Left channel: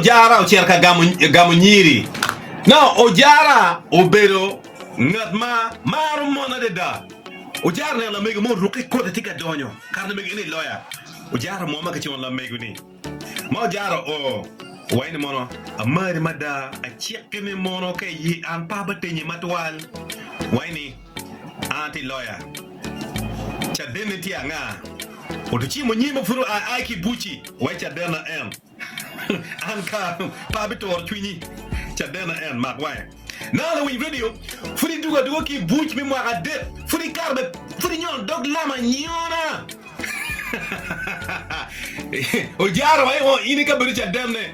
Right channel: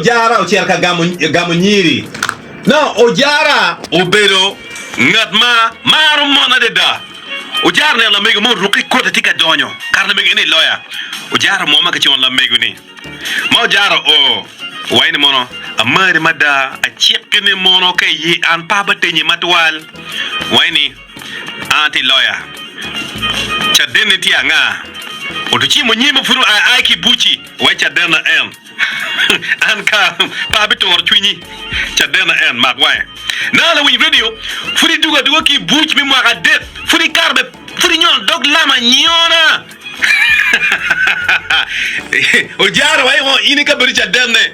Ojara ucherka gamunyiri. Now Ojara obero ngatma maru mona de da. Ojara ne la mego mo ruki kota tika donyo. Karna mego ni lawyer. Ojara mo ma kachon la mego ni. Ma Ojara o wayne mono amari mada a chepkene mono kay yi an pabatenyi matwal. Wayne anti lawyer. Chadene tianga. Otuchi monyima furu aiki buchi wacha dena en. Anka pabitor twinyi chadena en magway. Nala win video furi duga ki buch mi mwa det furi karbe furi nyon dog lama nyona. Ojara way wo ini ka bari chadene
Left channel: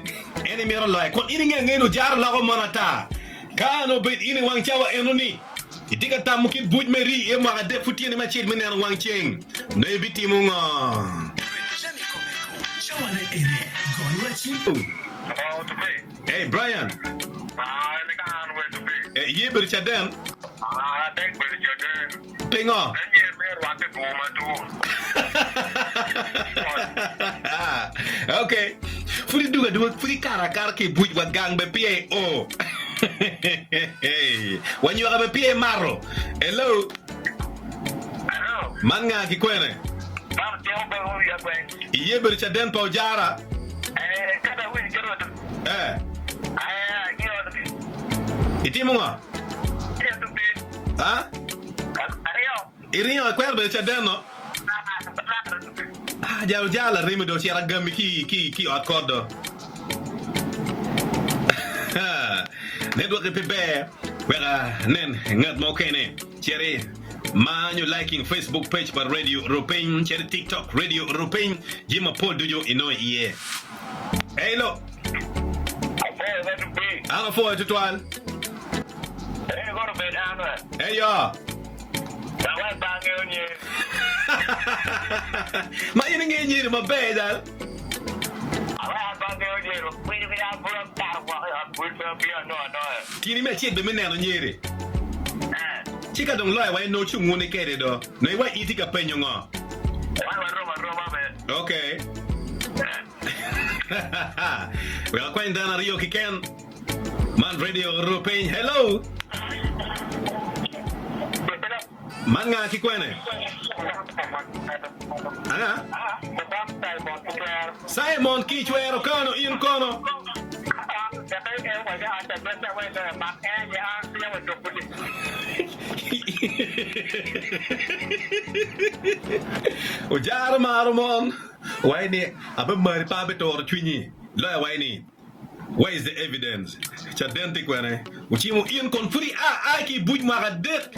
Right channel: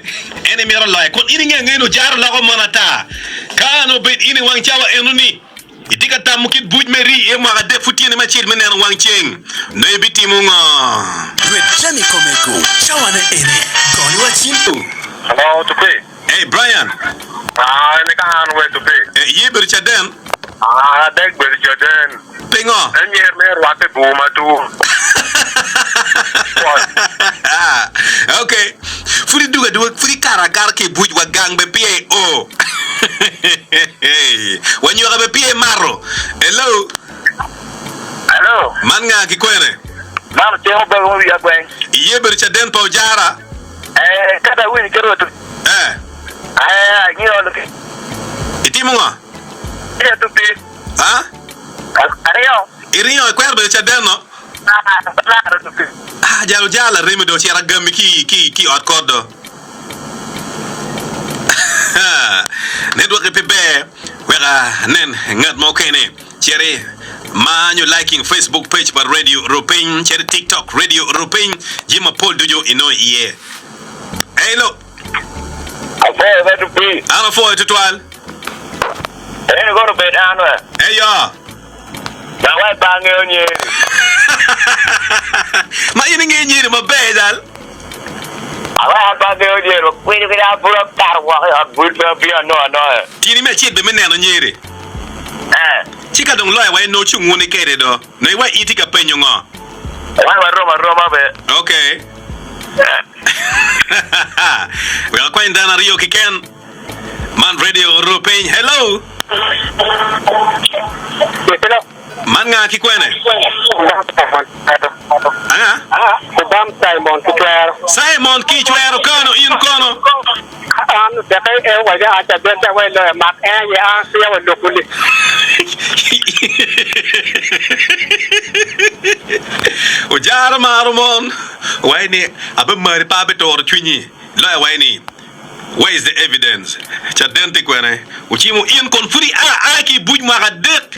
ene mero lay kon ini ngene Ojara la ko monata kano bet ini wang chawa enuni. Itika tamukit buj meri e mwa det futi ene ma chil menen wang cheng no ebiti munga. Jamie Komeko, Shawana Ene, Goni Wachinto. Hello, to pay. Hey, Brian. I can't wait to pay. Ye Berchaden. Thank Berchaden. Pingo. And you're mere what the boomer too. Okay. Free do free karakarki buj wa gang be pie o. When you have a pie marro. Hello. Hello. Manga kikwere. Mama tell me what we are going. Ye Berchaden po Ojara. Kada win kero to. You know look. Itimunga. Yeah, to pay. Huh? Iriyo kwer Berchaden no. Jala remedo chera gambi ki ot kodo. Network pepe wera nen ngat mo kene chere man you liking Facebook page par Radio Européen chere TikTok Radio Européen jima Paul Dujo ino iye. Hey lo. Okay, that to be. Ano fo etwal. Hey go to bed anwa. Hey yo. Na wa bange onye. Ma ini ngi ma bedal. Awa bange onye ro kwini kira buro tar wa ha bulba bia no. Tini me chik de meneno nyiri. Chika dong loya wa no chungu ne kere do. Ne wa itika penyo ngo. Wa Roma be. Okay. We are going down Rio Kiken. Man Radio Européen. Hello. Hello. Man nga kikwene. Anga? Kubam Simon Kichwero kono in kono. Ojara marumon. Waini abe mari pa Batoro twinyi. Loya waini. Where is the evidence? Chadente kwene. Uchimu in kon furi aki buj mara det.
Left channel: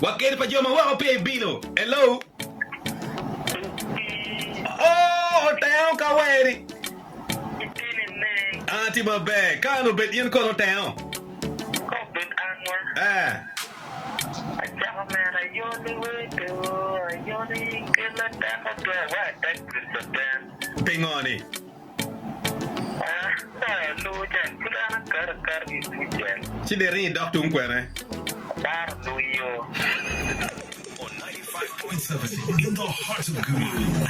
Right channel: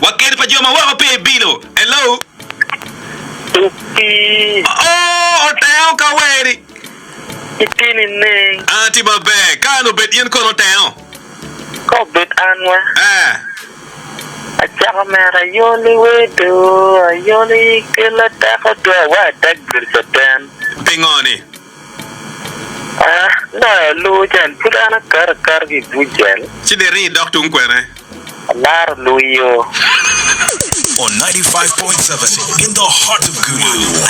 Wakere pa joma wa pe bilo. Hello. Oh, oteon ka weri. Itini ne. Anti babe, kano bet in kon oteon. Ko bet anwa. Achaka mera yoli wedo, yoli kila tako do wa tak Berchaden. Pingoni. No, lujan pulana kar gi bujan. Chideri doctor unkwere. Lar luyo. On 95.7 in the heart of Gulu.